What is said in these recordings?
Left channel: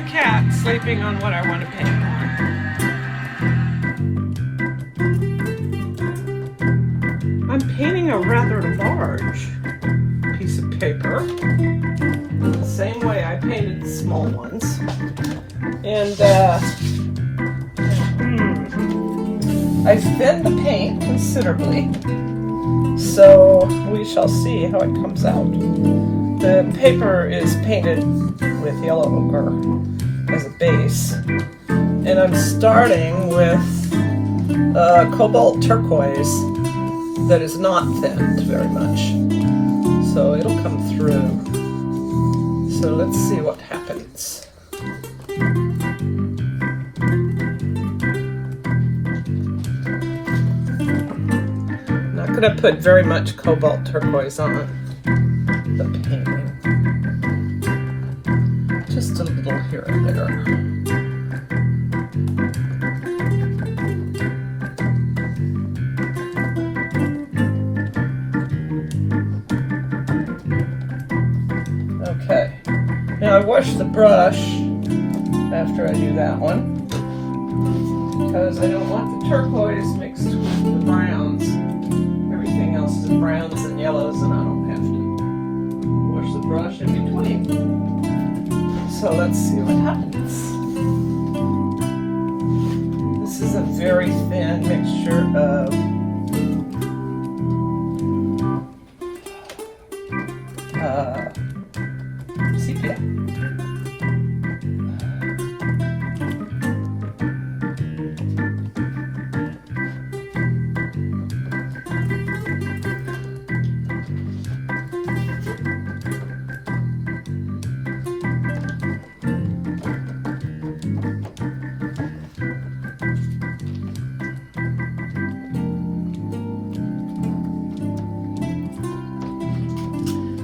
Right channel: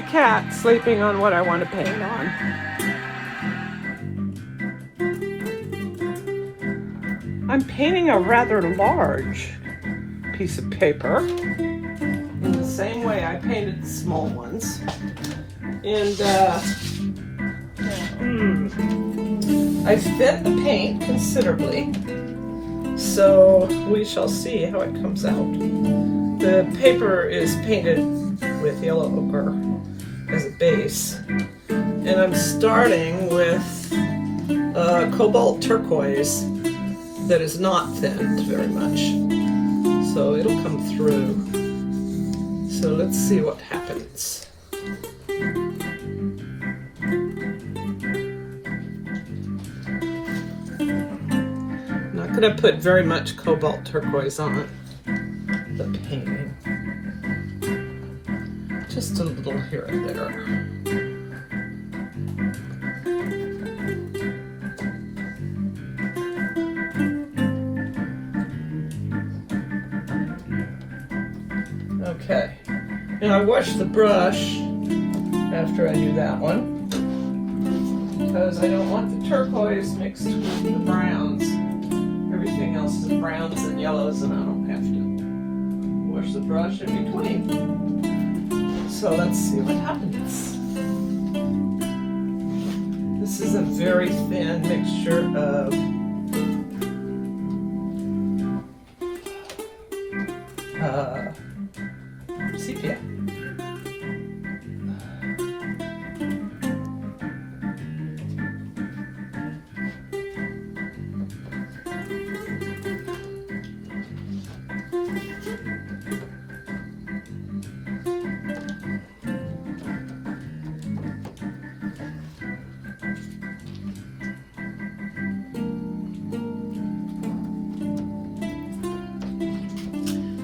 a cat sleeping on what I want to paint on. I'm painting a rather large piece of paper, the same way I painted small ones. And I thinned the paint considerably, so we shall see how it comes out. The paper is painted with yellow ochre as a base, and I'm starting with cobalt turquoise that is not thinned very much, so it'll come through. So let's see what happens. I'm not going to put very much cobalt turquoise on the painting. Just a little here and there. Okay. Now I wash the brush after I do that one, because I don't want the turquoise mixed with the browns. Everything else is browns and yellows, and I don't have to wash the brush in between. So let's see what happens. This is a very thin mixture of sepia.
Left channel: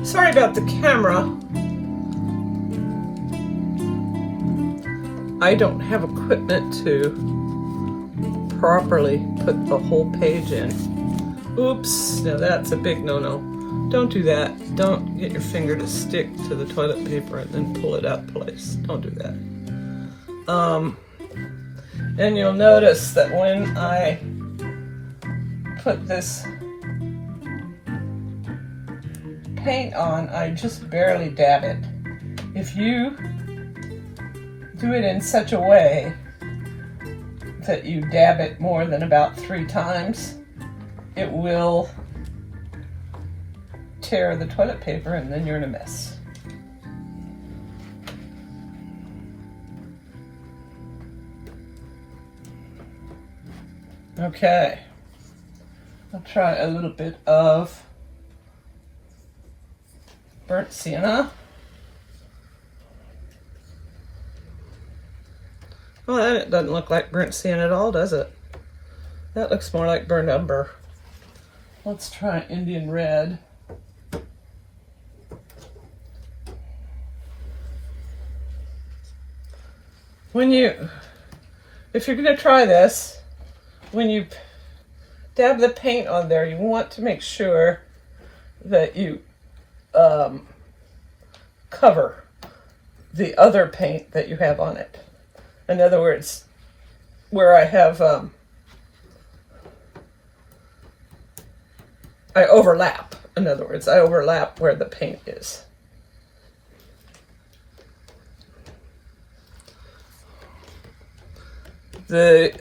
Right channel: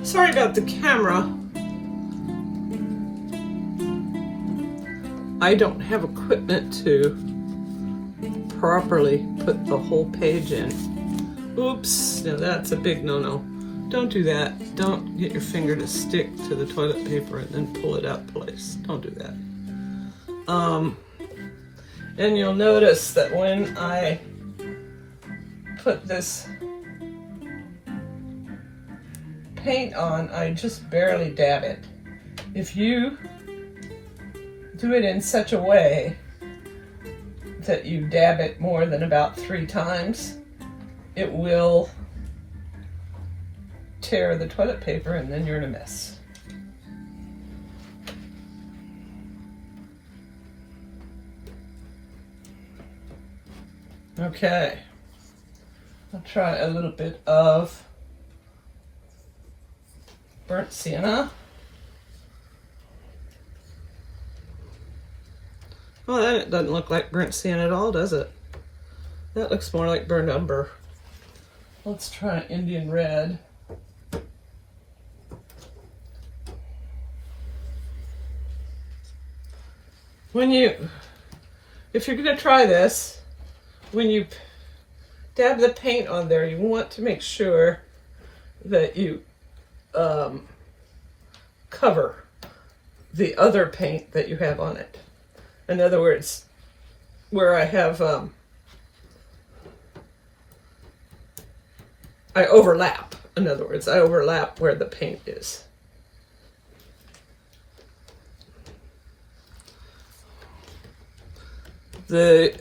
Sorry about the camera. I don't have equipment to properly put the whole page in. Oops, now that's a big no-no. Don't do that. Don't get your finger to stick to the toilet paper and then pull it out place. Don't do that. And you'll notice that when I put this paint on, I just barely dab it. If you do it in such a way that you dab it more than about 3 times, it will tear the toilet paper and then you're in a mess. Okay, I'll try a little bit of burnt sienna. Well, that doesn't look like burnt sienna at all, does it? That looks more like burnt umber. Let's try Indian red. If you're going to try this, when you dab the paint on there, you want to make sure that you cover the other paint that you have on it. In other words, where I have, I overlap. In other words, I overlap where the paint is. The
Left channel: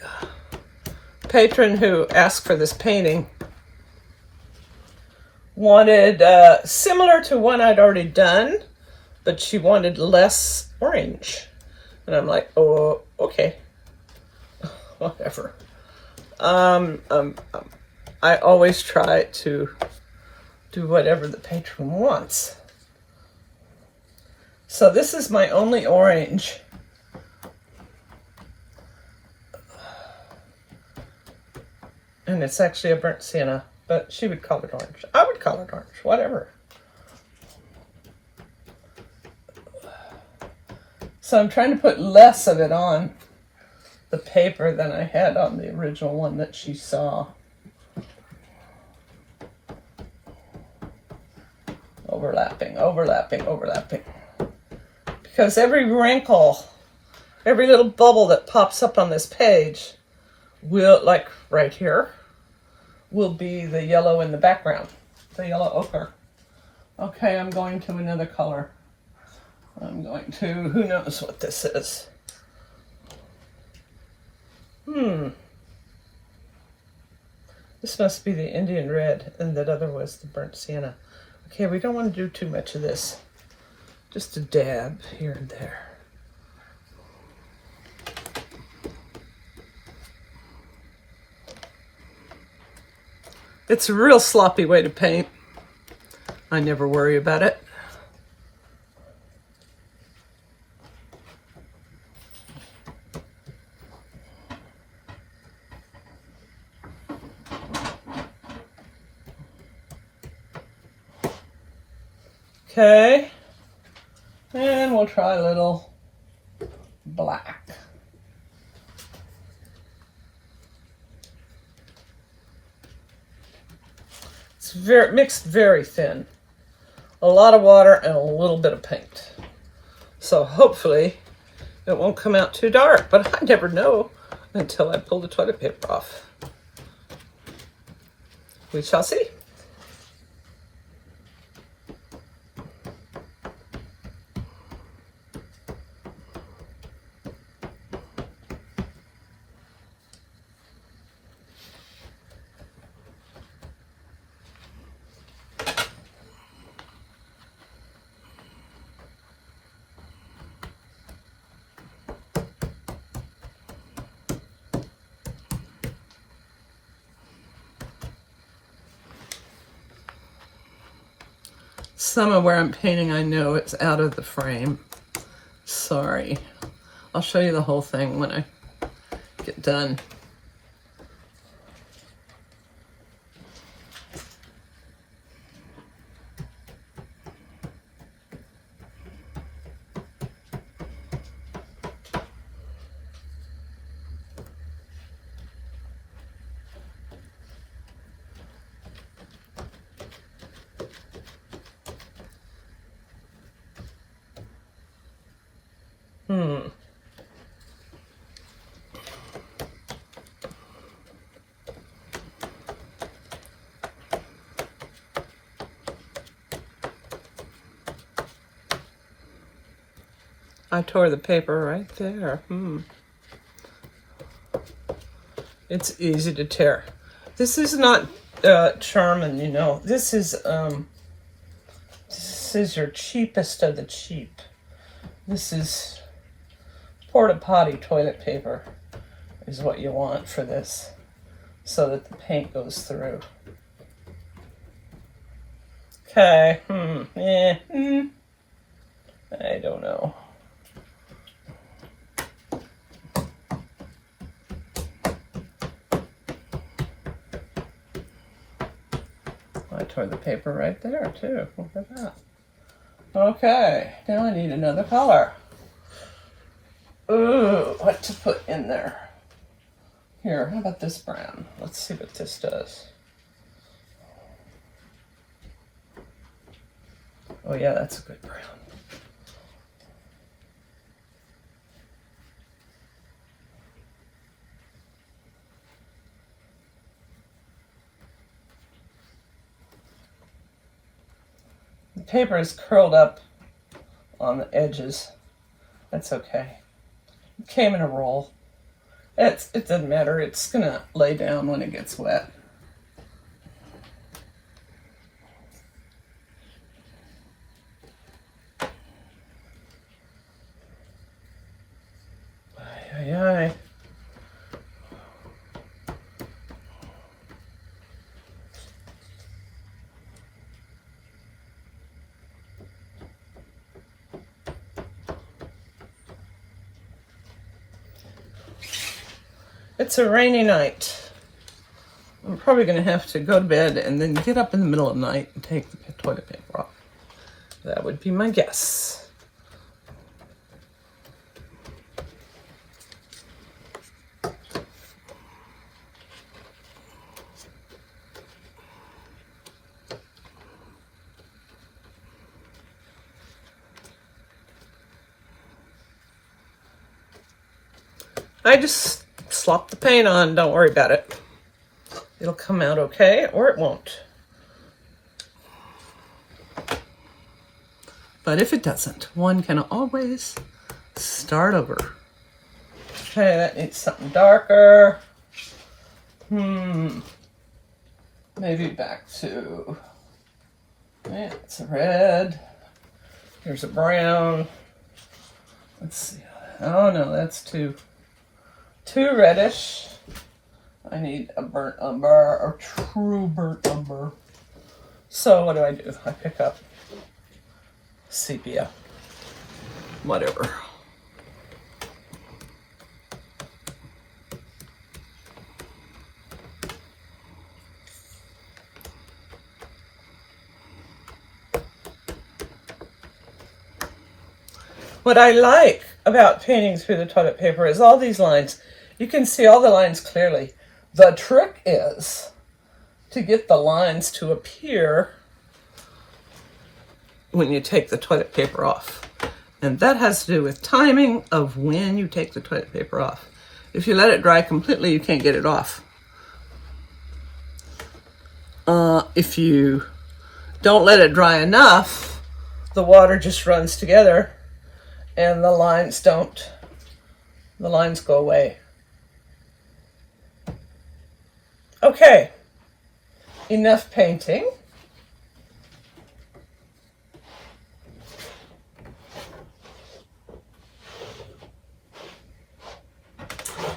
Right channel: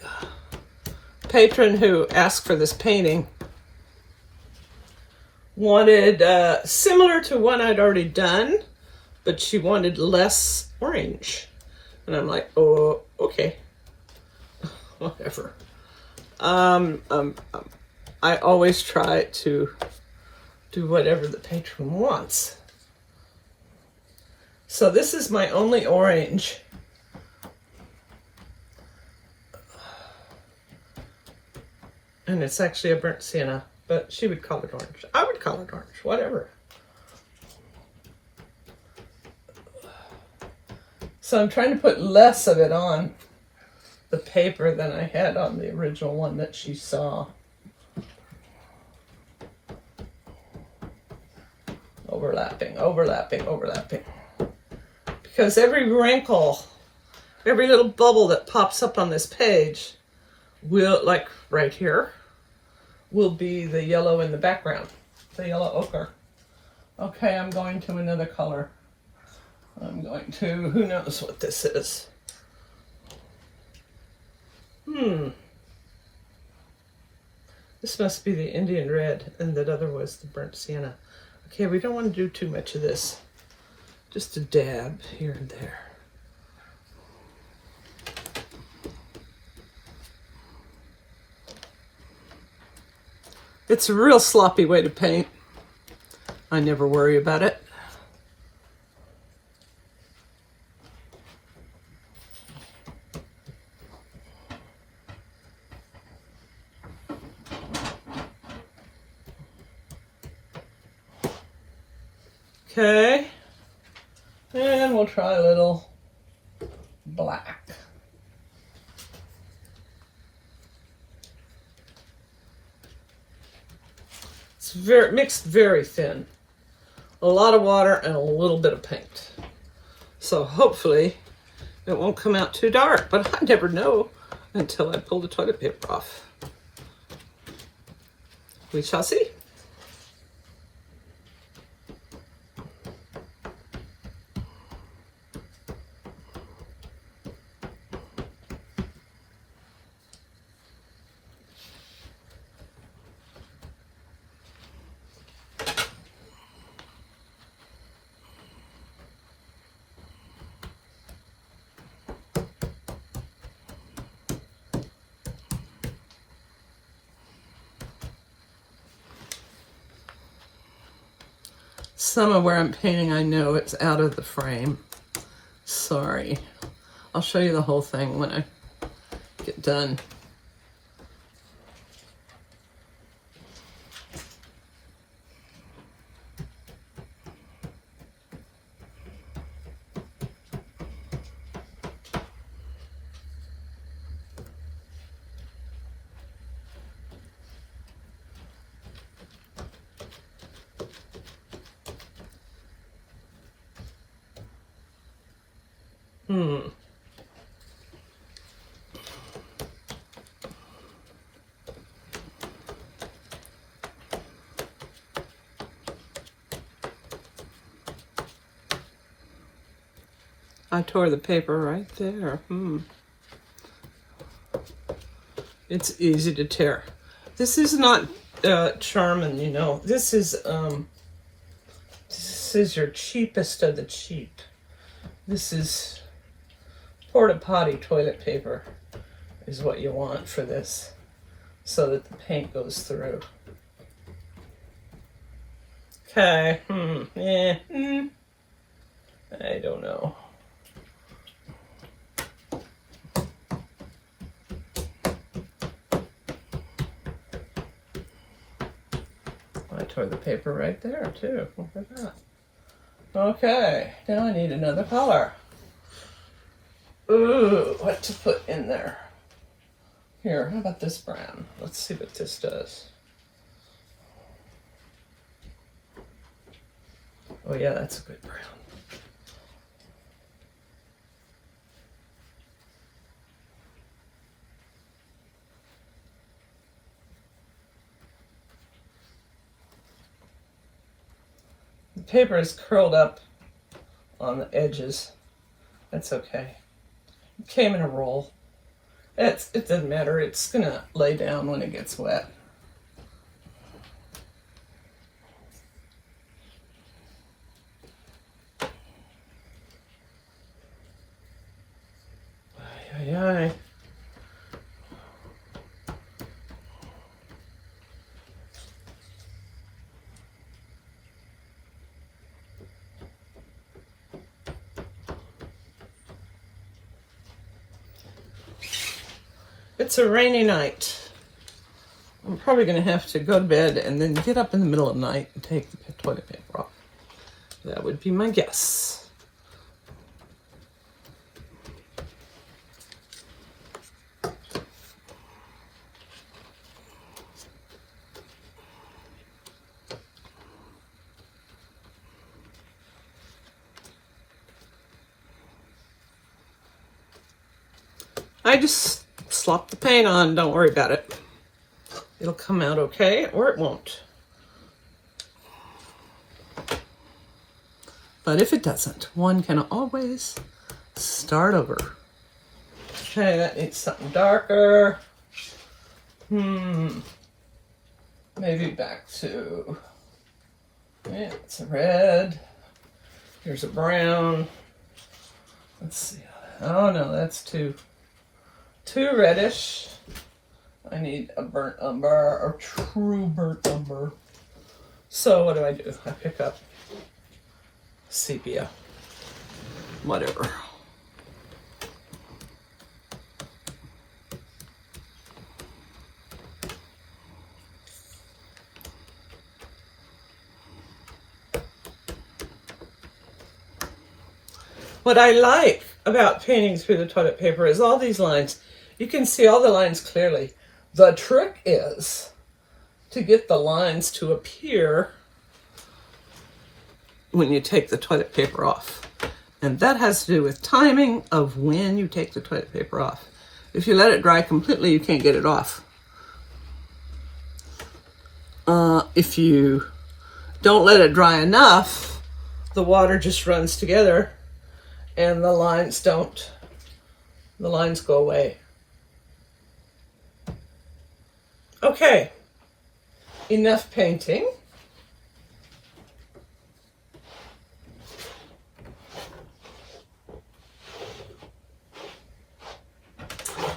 patron who asked for this painting wanted similar to one I'd already done, but she wanted less orange. And I'm like, oh, okay, whatever. I always try to do whatever the patron wants. So this is my only orange. And it's actually a burnt sienna, but she would call it orange. I would call it orange, whatever. So I'm trying to put less of it on the paper than I had on the original one that she saw. Overlapping, overlapping, overlapping. Because every wrinkle every little bubble that pops up on this page will, like right here, will be the yellow in the background, the yellow ochre. Okay, I'm going to another color. I'm going to, who knows what this is? This must be the Indian red, and that other was the burnt sienna. Okay, we don't want to do too much of this. Just a dab here and there. It's a real sloppy way to paint. I never worry about it. Okay, and we'll try a little black. It's mixed very thin. A lot of water and a little bit of paint. So hopefully it won't come out too dark, but I never know until I pull the toilet paper off. We shall see. Some of where I'm painting, I know it's out of the frame. Sorry. I'll show you the whole thing when I get done. I tore the paper right there. It's easy to tear. This is not Charmin, you know. This is your cheapest of the cheap. This is porta potty toilet paper is what you want for this, so that the paint goes through. Okay. I don't know. I tore the paper right there too. Look at that. Okay, now I need another color. Ooh, what to put in there? Here, how about this brown? Let's see what this does. Oh yeah, that's a good brown. The paper is curled up on the edges. That's okay. It came in a roll. It doesn't matter. It's gonna lay down when it gets wet. Ay, ay, ay. It's a rainy night. I'm probably going to have to go to bed and then get up in the middle of the night and take the toilet paper off. That would be my guess. I just slop the paint on, don't worry about it. It'll come out okay, or it won't. But if it doesn't, one can always start over. Okay, that needs something darker. Maybe back to, okay, it's a red. Here's a brown. Let's see. Oh no, that's too reddish. I need a burnt umber, or true burnt umber. So what do? I pick up sepia. Whatever. What I like about painting through the toilet paper is all these lines. You can see all the lines clearly. The trick is to get the lines to appear when you take the toilet paper off. And that has to do with timing of when you take the toilet paper off. If you let it dry completely, you can't get it off. If you don't let it dry enough, the water just runs together and the lines don't. The lines go away. Okay, enough painting.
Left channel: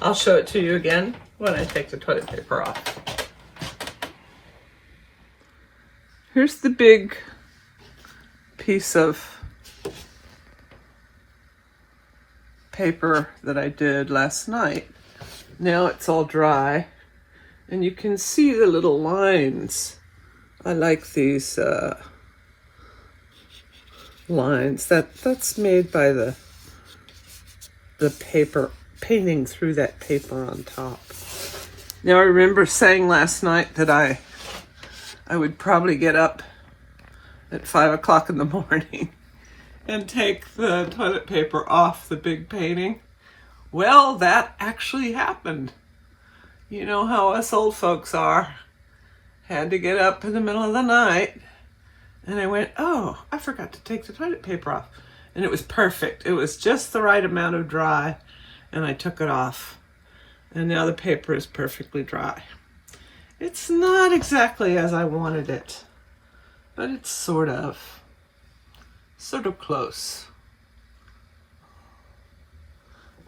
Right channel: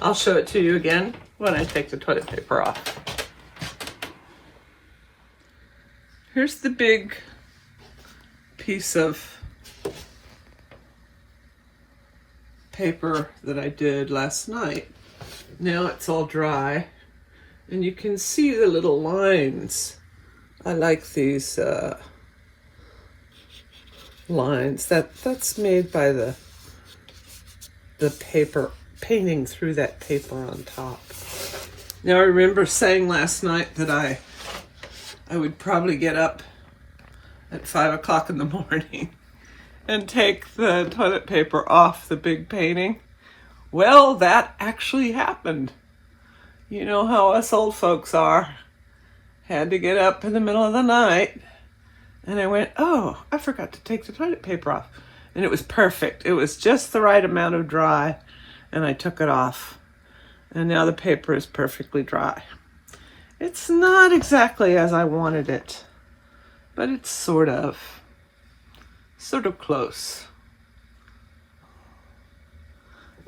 I'll show it to you again when I take the toilet paper off. Here's the big piece of paper that I did last night. Now it's all dry and you can see the little lines. I like these lines. That's made by the paper, painting through that paper on top. Now I remember saying last night that I would probably get up at 5 o'clock in the morning and take the toilet paper off the big painting. Well, that actually happened. You know how us old folks are. Had to get up in the middle of the night. And I went, oh, I forgot to take the toilet paper off. And it was perfect. It was just the right amount of dry. And I took it off. And now the paper is perfectly dry. It's not exactly as I wanted it, but it's sort of close.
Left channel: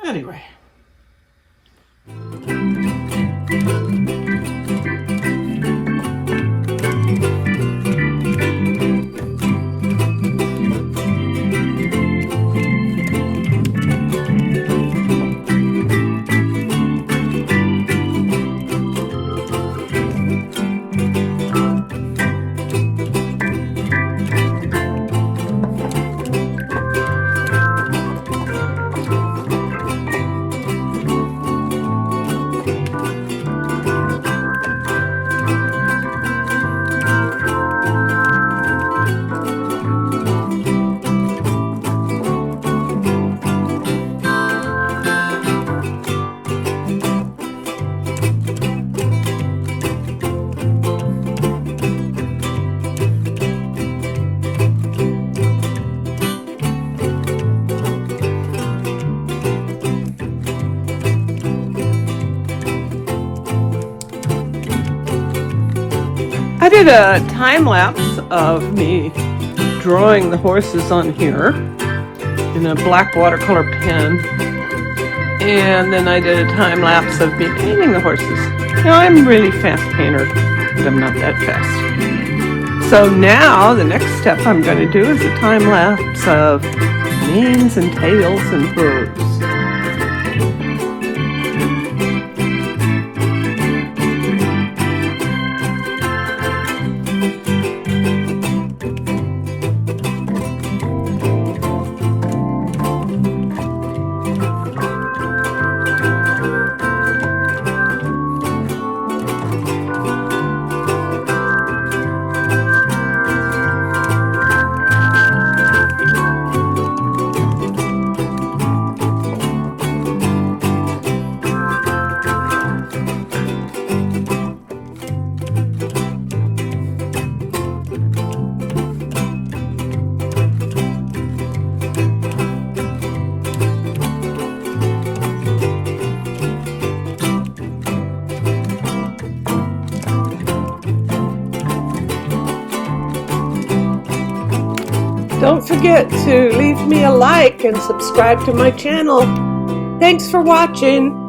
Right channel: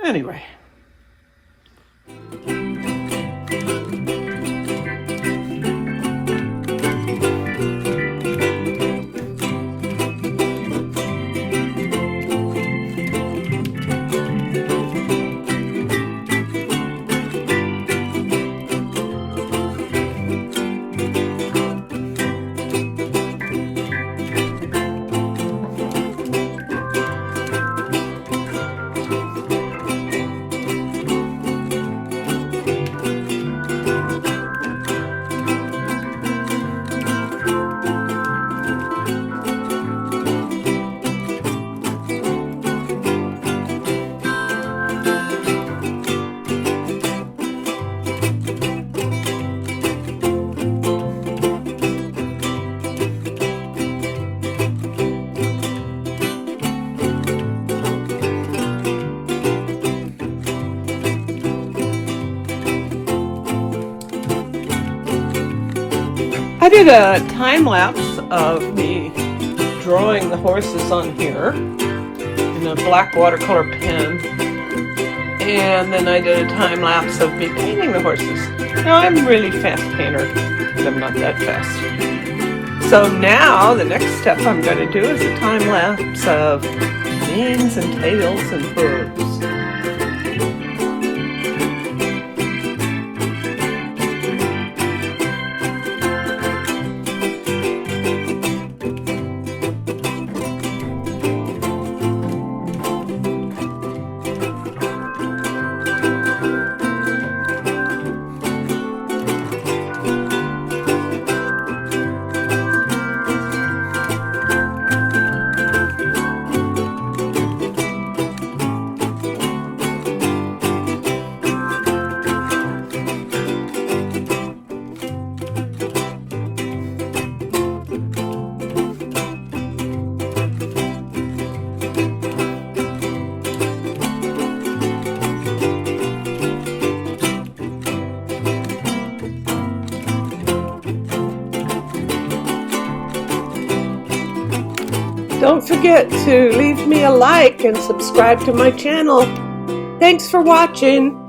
Anyway. I did a time lapse of me drawing the horses on here in a black watercolor pen, and then I did a time lapse of me painting the horses. Now I'm a really fast painter, but I'm not that fast. So now the next step I'm going to do is a time lapse of wings and tails and birds. Don't forget to leave me a like and subscribe to my channel. Thanks for watching.